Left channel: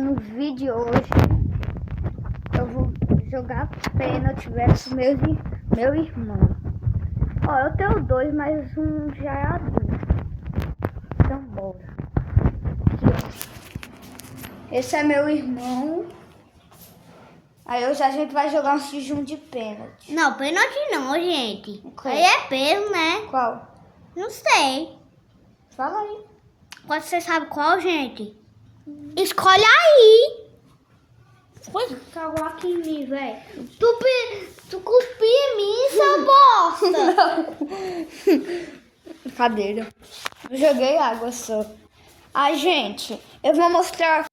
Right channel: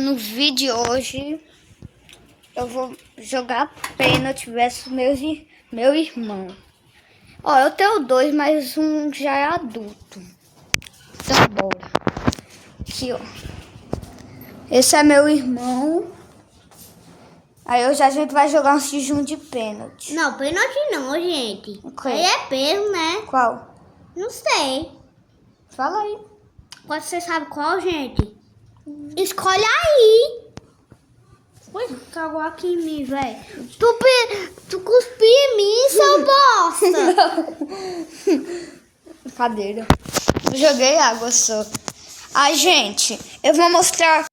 No vídeo hoje eu vou jogar pênalti versus meu irmão. Ó, eu tenho dois, mas um já é adulto. Então bora. Aqui, ó. Esse é meu irmão. Aí hoje a gente vai jogar um jejum de pênalti. Não, pênalti não, gente. Okay. Aí é peso, né? Qual? Não sei. Fala aí. Você sabe qual, gente? Escolhe aí. Foi cagou aqui em mim, velho. Tu cuspiu em mim, seu bosta. Brincadeira. Eu joguei água só. Ai, gente, eu vou mostrar